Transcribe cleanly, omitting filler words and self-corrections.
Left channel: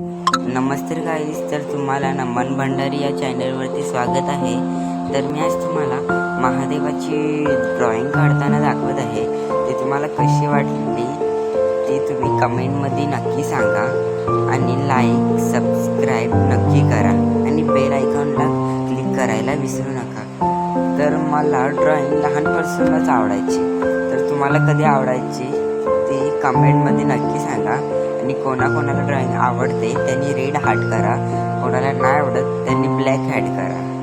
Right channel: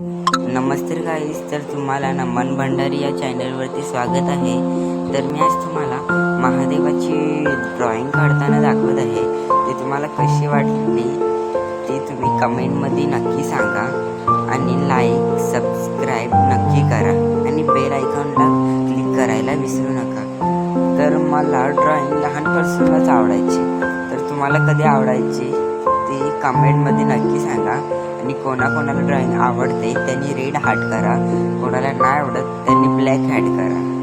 नमस्ते गाईस, तर तुम्हाला नमन भंडारी या चॅनलवरती स्वागत आहे। तर मी आज तुम्हाला महादेवाची ड्रॉइंग काढताना दाखवत आहे। ते तुम्हाला कशी वाटली ते तुम्ही कमेंटमध्ये नक्की सांगा आणि लाईक सबस्क्राईब नक्की करा आणि बेल आयकॉनला क्लिक करायला विसरू नका। तर मला ड्रॉइंग लहानपासूनच आवडायची, तर तुम्हाला कधी आवडायची ते कमेंटमध्ये नक्की सांगा। आणि कोणाकोणाला ड्रॉइंग आवडते त्यांनी रेड हार्ट करा, कोणाला नाही आवडत त्यांनी ब्लॅक हार्ट करा।